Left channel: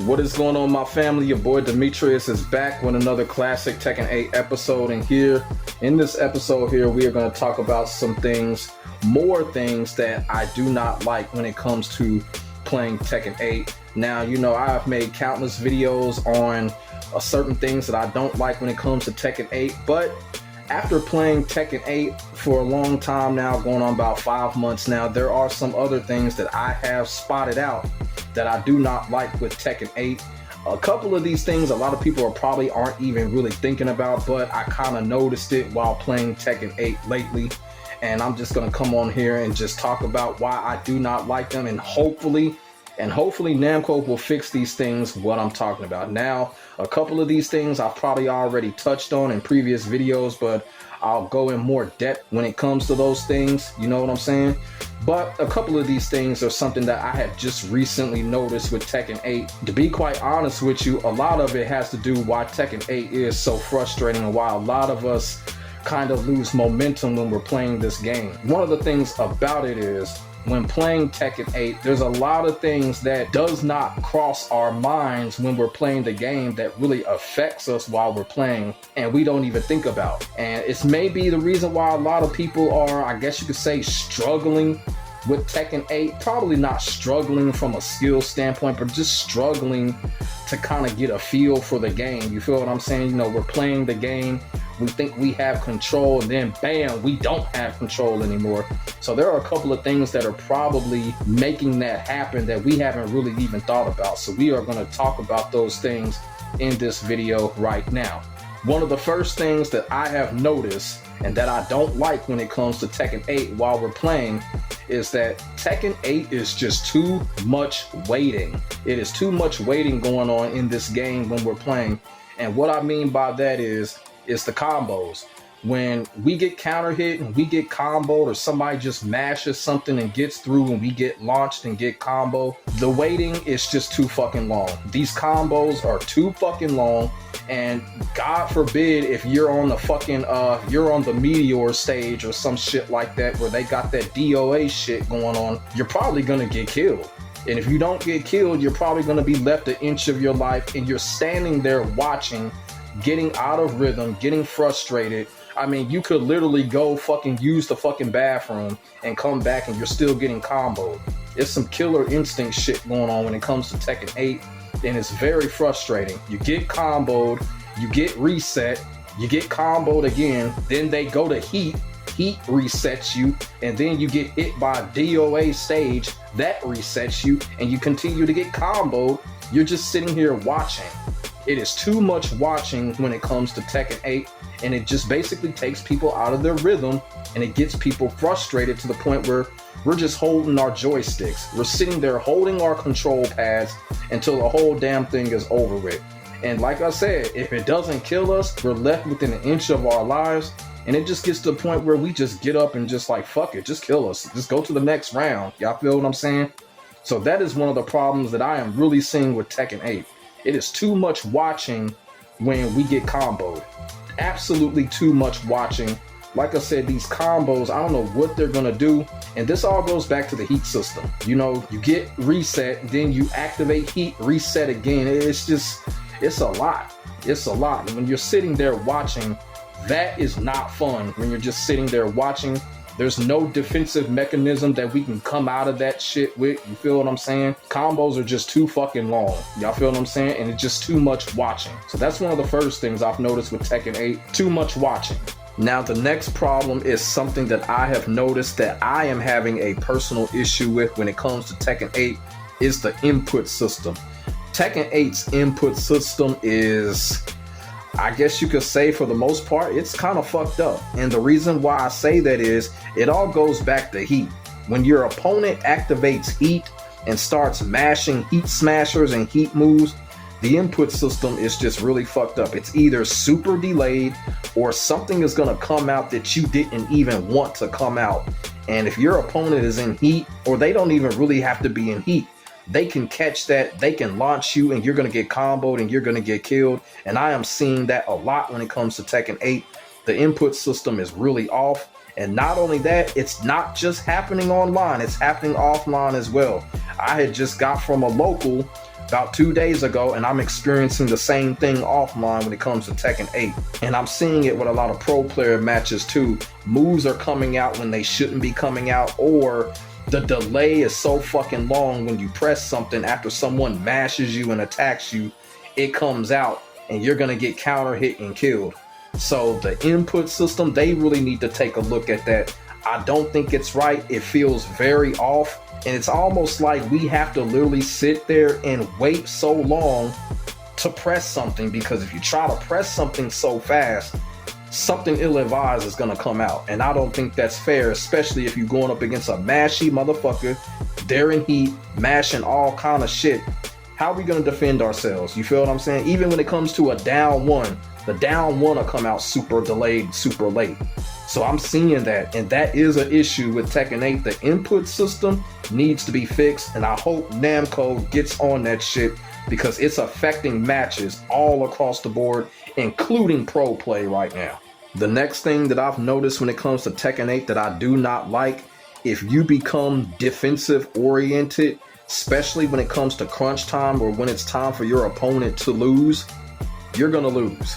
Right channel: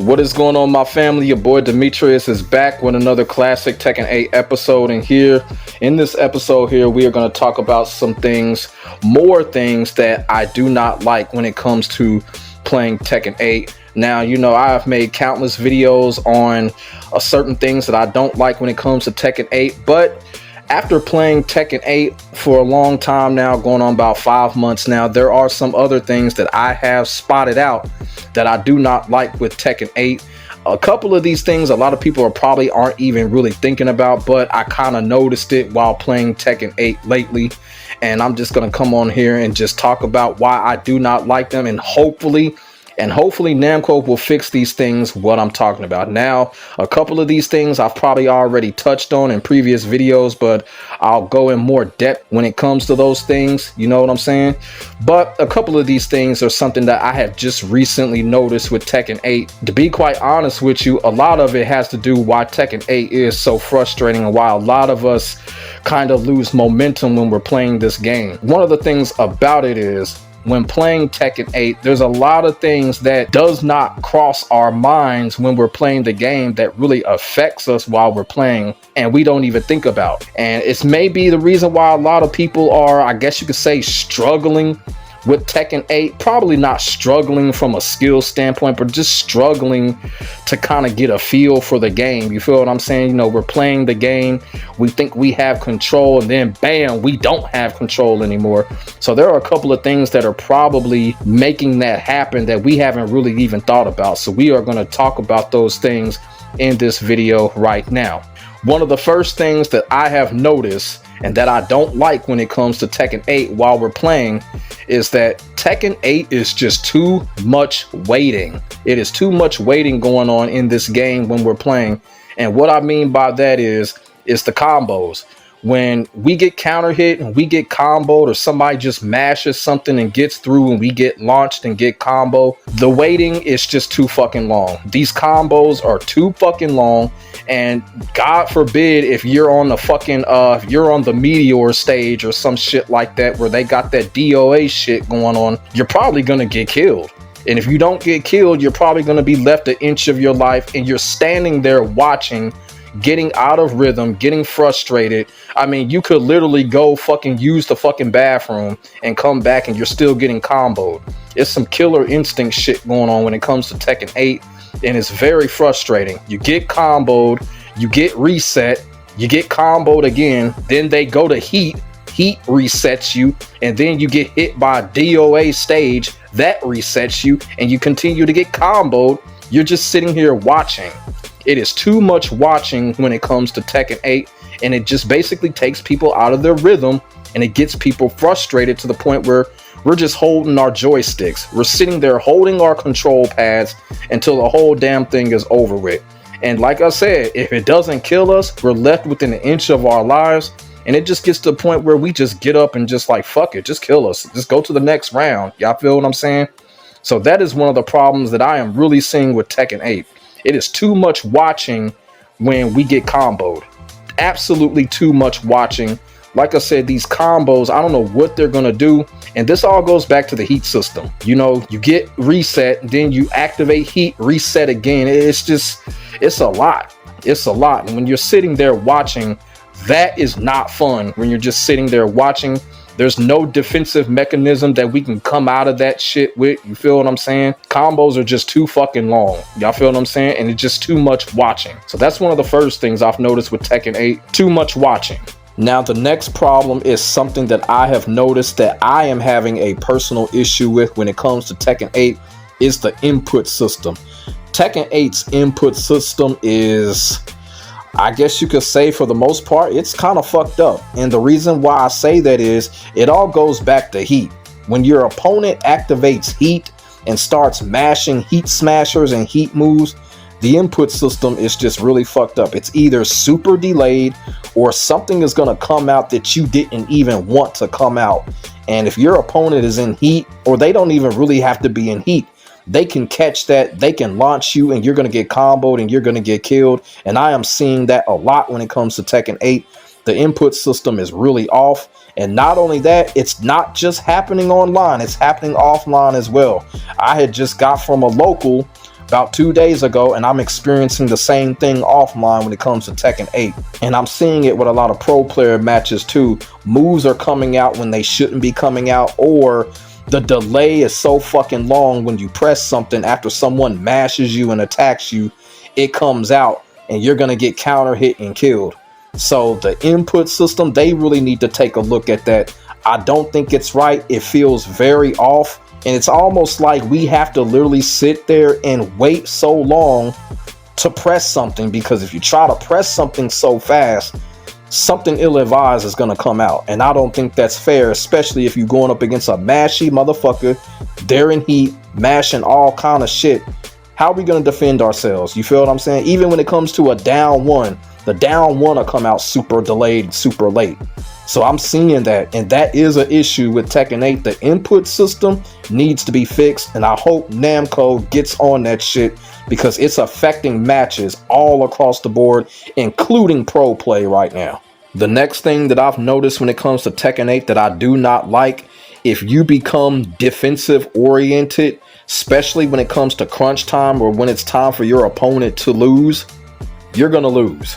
What is going on, my family? Your boy Demetrius is back with another classic Tekken 8 episode, and here in this episode here we are going to talk about some things, more things that I do not like when it comes to playing Tekken 8. Now, you know, I have made countless videos on certain things that I don't like when it comes to Tekken 8, but after playing Tekken 8 for a long time now, going on about 5 months now, there are some other things that I have spotted out that I do not like with Tekken 8. A couple of these things a lot of people probably aren't even really thinking about, but I kind of noticed it while playing Tekken 8 lately, and I'm just going to come on here and just talk about why I do not like them, and hopefully Namco will fix these things, what I'm talking about. Now, a couple of these things I've probably already touched on in previous videos, but I'll go in more depth when it comes to those things, you know what I'm saying? But a couple of these things are something that I have just recently noticed with Tekken 8. To be quite honest with you, a lot of it has to do why Tekken 8 is so frustrating and why a lot of us kind of lose momentum when we're playing this game. One of the things about it is, when playing Tekken 8, there's a lot of things that does not cross our minds when we're playing the game that really affects us while we're playing, and we don't even think about. And it's maybe the reason why a lot of people are, I guess you could say, struggling with Tekken 8. Probably not struggling from a skill standpoint, but just struggling to kind of get a feel for the game. You feel what I'm saying? You know, we're playing the game, we think we have control, and then bam, we don't have control anymore. So there are a couple of things that are probably making that happen that we haven't really even thought about. So we are going to talk about those things in this video right now. One of the first things that I have noticed and that I don't like when it comes to Tekken 8 while we're playing is that Tekken 8 is just too much waiting. It is too much waiting going on in this game when we're playing. And what I mean by that is the combos. When we get counter hit and we get comboed, or somebody just mashes something and gets through and we get launched and get combo, the waiting is just too fucking long. These combos are too fucking long, and God forbid if you're on the fucking if you're on the Meteor stage or some shit like that where they got that DOA shit going on, you're probably gonna get killed. And if you don't get killed, you're probably gonna be left an inch of your life, and you're standing there watching, getting out of rhythm, getting frustrated. I mean, you could literally go fucking use the fucking bathroom and come back and you're still getting comboed. It's some killer instinct shit going on when it comes to Tekken 8, and it's very frustrating. You get comboed, you get reset, you get comboed again, then they go to heat resets you, and then you get hit by a DOA stage, that resets you, and you continue to get comboed. You're just sitting here watching. It is too much watching when it comes to Tekken 8, and it just basically takes people out of their rhythm, and it gets people frustrated to the point where we're just holding our joysticks. We're sitting there holding our control pads until the whole damn thing is over with. And like I said, if it doesn't kill us, we're left within an inch of our lives, and it just gets to the point where we just get up and just like, fuck it, just kill us. Just go to the next round. Y'all feel what I'm saying? So that is one of the problems that I am really seeing with Tekken 8. It is too much watching when we get comboed. Absolutely too much watching. Like I said, these combos, I don't know what they're gonna do. And this all goes back to the heat system. You know, you get reset, then you activate heat, reset again. It's a lot. It's a lot. And when you're sitting there watching, that is not fun. When you're just sitting there watching, there's no defensive mechanism that we can come out of that shit with. You feel what I'm saying? Combos are just too fucking long. Y'all feel what I'm saying? And it's just too much watching. So that's one of the first things I've noticed with Tekken 8. Too much watching. Now, the next problem is something that I have noticed that I am having a personal issue with when it comes to Tekken 8 is the input system. Tekken 8's input system is, I guess you could say, for the most part, it's kind of fucked up. And the reason why I say that is it all goes back to heat. When your opponent activates heat and starts mashing heat smashers and heat moves, the input system is just really fucked up. It's either super delayed or something is going to come out that you didn't even want to come out. And if your opponent is in heat, or they don't even really have to be in heat, they can catch that, they can launch you, and you're going to get comboed and you're going to get killed. And I am seeing that a lot when it comes to Tekken 8. The input system is really off. And not only that, it's not just happening online, it's happening offline as well. I had just got from a local about 2 days ago, and I'm experiencing the same thing offline when it comes to Tekken 8. And I'm seeing it with a lot of pro player matches too. Moves are coming out when they shouldn't be coming out, or the delay is so fucking long when you press something after someone mashes you and attacks you, it comes out and you're gonna get counter hit and killed. So the input system, they really need to take a look at that. I don't think it's right. It feels very off. And it's almost like we have to literally sit there and wait so long to press something, because if you try to press something so fast, something ill-advised is going to come out. And I don't think that's fair, especially if you're going up against a mashy motherfucker. They're in heat, mashing all kind of shit. How are we going to defend ourselves? You feel what I'm saying? Even when it comes to a down one, the down one will come out super delayed, super late. So I'm seeing that, and that is an issue with Tekken 8. The input system needs to be fixed, and I hope Namco gets on that shit, because it's affecting matches all across the board, including pro play right now. The next thing that I've noticed when it comes to Tekken 8 that I do not like, if you become defensive oriented, especially when it comes to crunch time or when it's time for your opponent to lose, you're gonna lose.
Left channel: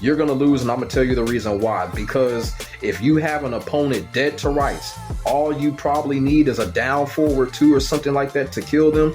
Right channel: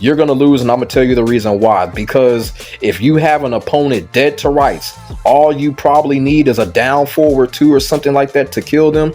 You're going to lose, and I'm going to tell you the reason why. Because if you have an opponent dead to rights, all you probably need is a down forward 2 or something like that to kill them.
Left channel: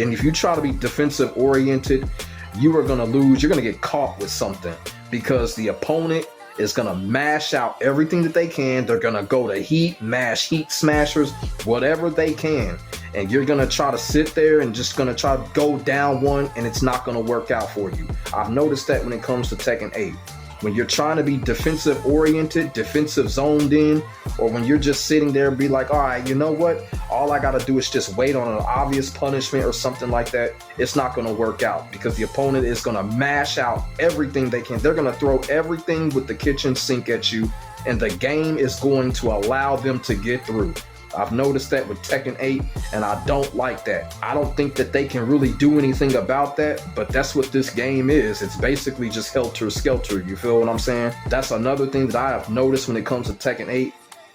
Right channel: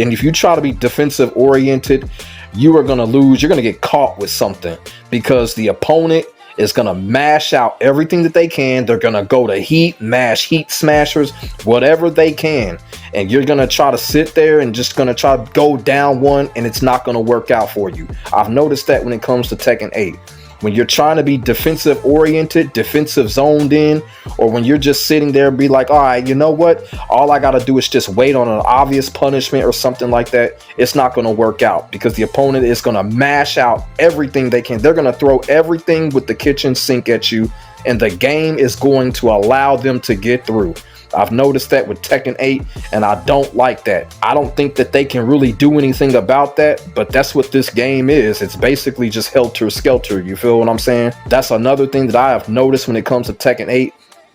And if you try to be defensive oriented, you are going to lose. You're going to get caught with something, because the opponent is going to mash out everything that they can. They're going to go to heat, mash heat smashers, whatever they can. And you're going to try to sit there and just going to try to go down one, and it's not going to work out for you. I've noticed that when it comes to Tekken 8. When you're trying to be defensive oriented, defensive zoned in, or when you're just sitting there and be like, all right, you know what? All I got to do is just wait on an obvious punishment or something like that. It's not going to work out, because the opponent is going to mash out everything they can. They're going to throw everything with the kitchen sink at you, and the game is going to allow them to get through. I've noticed that with Tekken 8, and I don't like that. I don't think that they can really do anything about that, but that's what this game is. It's basically just helter-skelter, you feel what I'm saying? That's another thing that I have noticed when it comes to Tekken 8.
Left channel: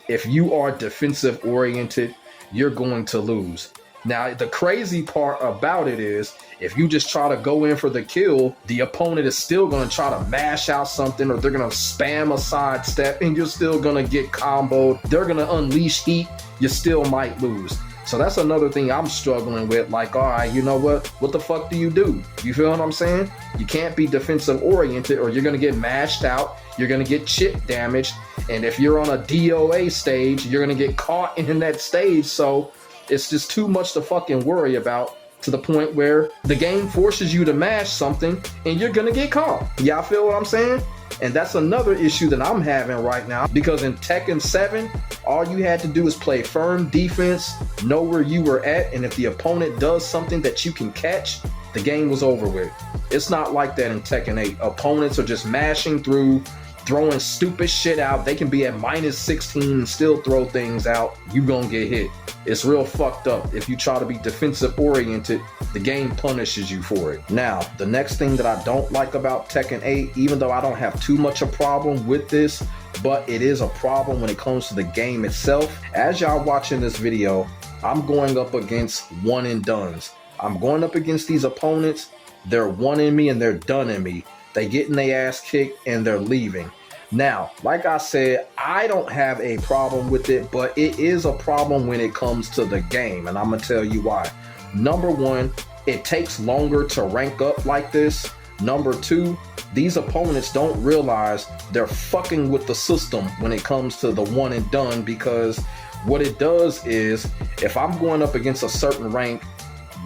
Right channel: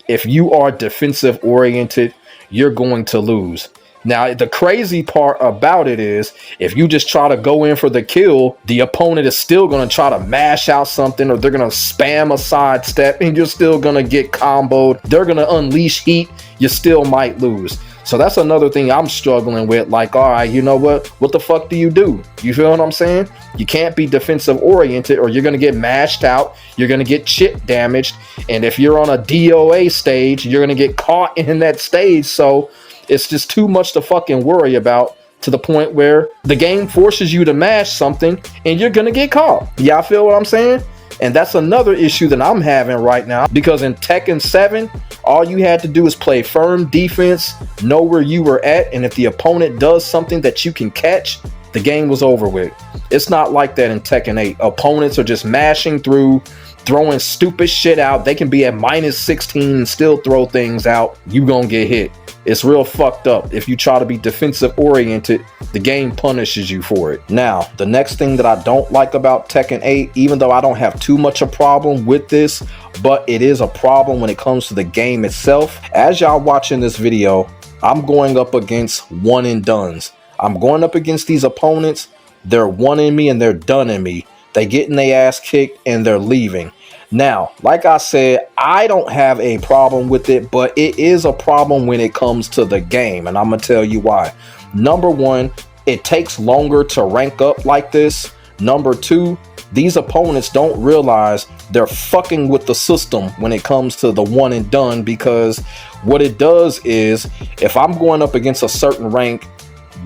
If you are defensive-oriented, you're going to lose. Now, the crazy part about it is, if you just try to go in for the kill, the opponent is still going to try to mash out something, or they're going to spam a sidestep, and you're still going to get comboed. They're going to unleash heat. You still might lose. So that's another thing I'm struggling with. Like, all right, you know what? What the fuck do? You feel what I'm saying? You can't be defensive oriented, or you're going to get mashed out. You're going to get chip damaged. And if you're on a DOA stage, you're going to get caught in that stage. So it's just too much to fucking worry about, to the point where the game forces you to mash something and you're gonna get caught. Y'all feel what I'm saying? And that's another issue that I'm having right now, because in Tekken 7, all you had to do is play firm defense, know where you were at, and if the opponent does something that you can catch, the game was over with. It's not like that in Tekken 8. Opponents are just mashing through, throwing stupid shit out. They can be at -16 and still throw things out. You gonna get hit. It's real fucked up. If you try to be defensive oriented, the game punishes you for it. Now, the next thing that I don't like about Tekken 8, even though I don't have too much a problem with this, but it is a problem when it comes to the game itself. As y'all watching this video, I'm going up against one and dones. I'm going up against these opponents. They're one in me and they're done in me. They getting their ass kicked and they're leaving. Now, like I said, I don't have a problem with it, but it is a problem when it comes to the game, and I'm gonna tell you why. Number one, it takes longer to rank up like this. Number two, these opponents don't realize they're fucking with the system when it comes to the one and done, because what it does is, if I'm going up against a certain rank,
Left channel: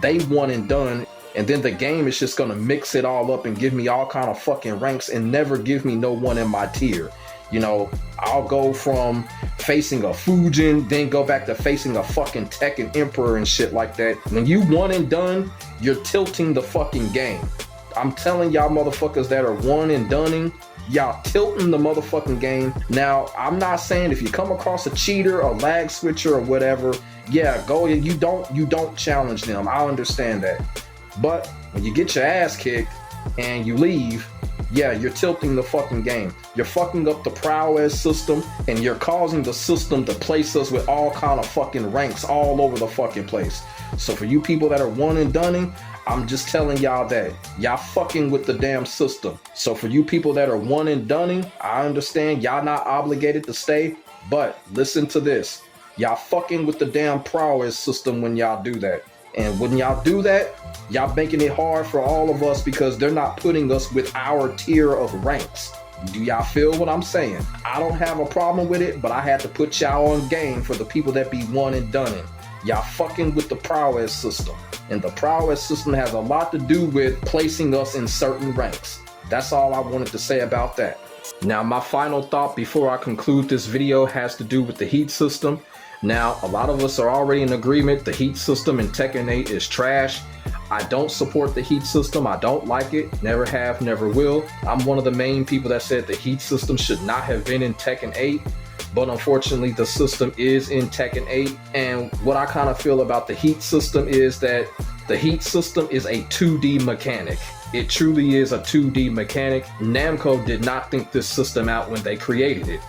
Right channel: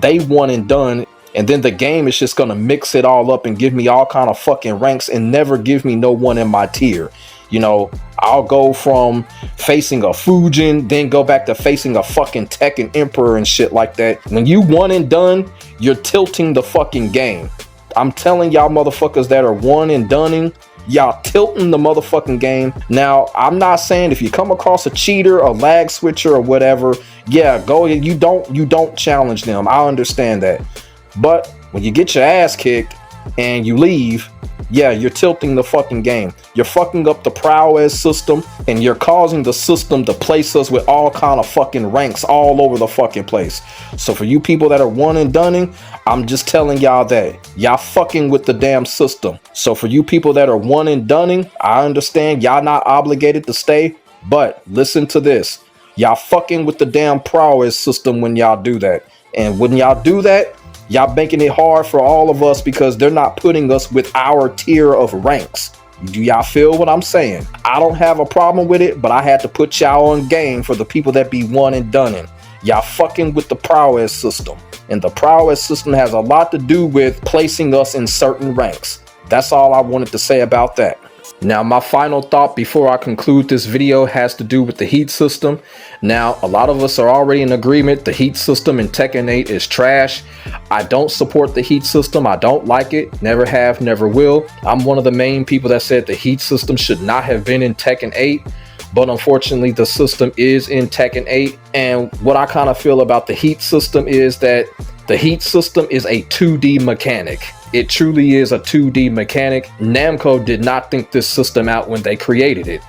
they one and done, and then the game is just gonna mix it all up and give me all kind of fucking ranks and never give me no one in my tier. You know, I'll go from facing a Fujin, then go back to facing a fucking Tekken Emperor and shit like that. When you one and done, you're tilting the fucking game. I'm telling y'all motherfuckers that are one and doneing, y'all tilting the motherfucking game. Now, I'm not saying if you come across a cheater, a lag switcher, or whatever, yeah, go, you don't challenge them. I understand that. But when you get your ass kicked and you leave, yeah, you're tilting the fucking game. You're fucking up the prowess system, and you're causing the system to place us with all kind of fucking ranks all over the fucking place. So for you people that are one and doneing, I'm just telling y'all that y'all fucking with the damn system. So for you people that are one and doneing, I understand y'all not obligated to stay, but listen to this. Y'all fucking with the damn prowess system when y'all do that. And when y'all do that, y'all making it hard for all of us because they're not putting us with our tier of ranks. Do y'all feel what I'm saying? I don't have a problem with it, but I had to put y'all on game for the people that be one and doneing. Y'all fucking with the prowess system. And the prowess system has a lot to do with placing us in certain ranks. That's all I wanted to say about that. Now, my final thought before I conclude this video has to do with the heat system. Now, a lot of us are already in agreement the heat system in Tekken 8 is trash. I don't support the heat system. I don't like it. Never have, never will. I'm one of the main people that said the heat system should not have been in Tekken 8. But unfortunately, the system is in Tekken 8. And what I kind of feel about the heat system is that the heat system is a 2D mechanic. It truly is a 2D mechanic. Namco did not think this system out when they created it.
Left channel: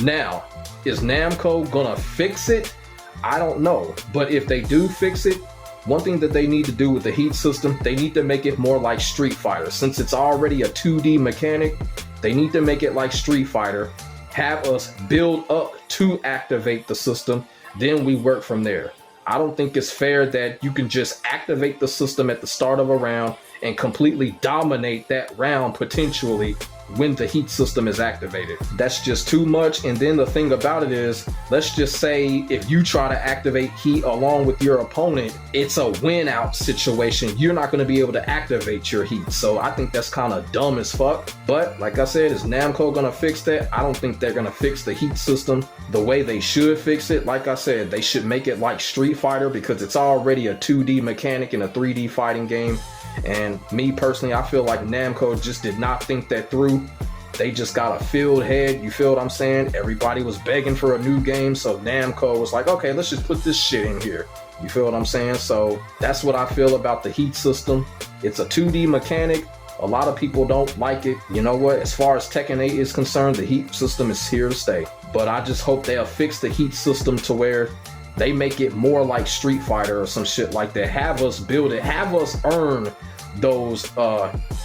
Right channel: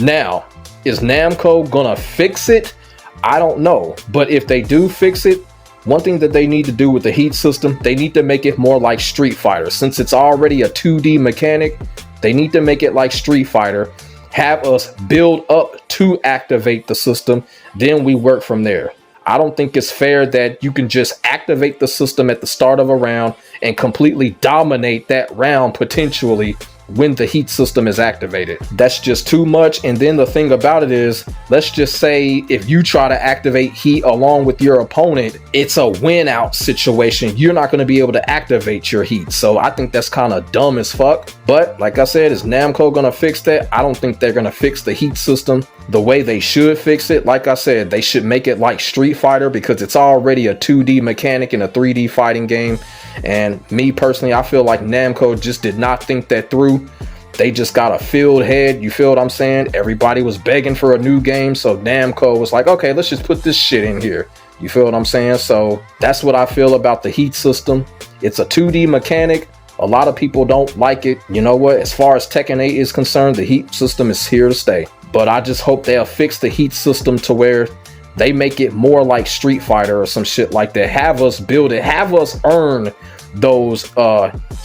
Now, is Namco gonna fix it? I don't know. But if they do fix it, one thing that they need to do with the heat system, they need to make it more like Street Fighter. Since it's already a 2D mechanic, they need to make it like Street Fighter. Have us build up to activate the system, then we work from there. I don't think it's fair that you can just activate the system at the start of a round and completely dominate that round potentially when the heat system is activated. That's just too much. And then the thing about it is, let's just say if you try to activate heat along with your opponent, it's a win out situation. You're not going to be able to activate your heat. So I think that's kind of dumb as fuck. But like I said, is Namco going to fix that? I don't think they're going to fix the heat system the way they should fix it. Like I said, they should make it like Street Fighter because it's already a 2D mechanic in a 3D fighting game. And me personally, I feel like Namco just did not think that through. They just got a filled head. You feel what I'm saying? Everybody was begging for a new game. So Namco was like, okay, let's just put this shit in here. You feel what I'm saying? So that's what I feel about the heat system. It's a 2D mechanic. A lot of people don't like it. You know what? As far as Tekken 8 is concerned, the heat system is here to stay. But I just hope they'll fix the heat system to where they make it more like Street Fighter or some shit like that. Have us build it. Have us earn those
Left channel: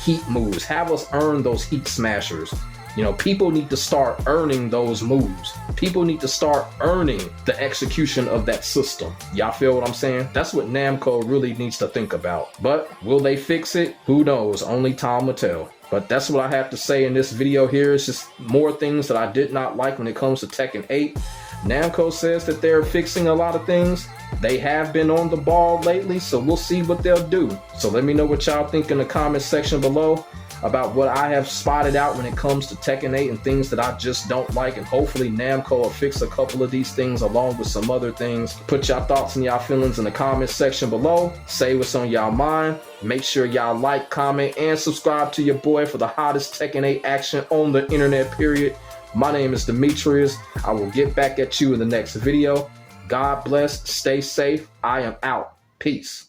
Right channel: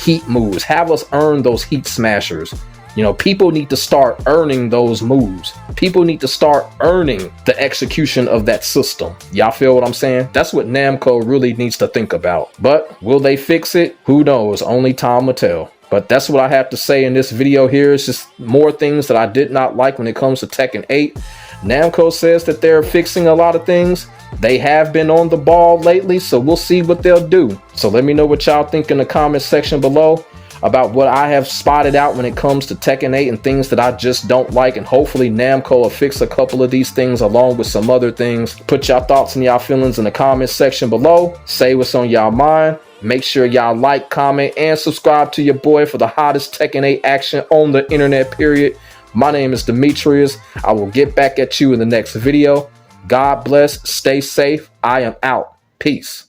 heat moves. Have us earn those heat smashers. You know, people need to start earning those moves. People need to start earning the execution of that system. Y'all feel what I'm saying? That's what Namco really needs to think about. But will they fix it? Who knows? Only time will tell. But that's what I have to say in this video here. It's just more things that I did not like when it comes to Tekken 8. Namco says that they're fixing a lot of things. They have been on the ball lately, so we'll see what they'll do. So let me know what y'all think in the comment section below about what I have spotted out when it comes to Tekken 8 and things that I just don't like. And hopefully Namco will fix a couple of these things along with some other things. Put y'all thoughts and y'all feelings in the comment section below. Say what's on y'all mind. Make sure y'all like, comment, and subscribe to your boy for the hottest Tekken 8 action on the internet, period. My name is Demetrius. I will get back at you in the next video. God bless. Stay safe. I am out. Peace.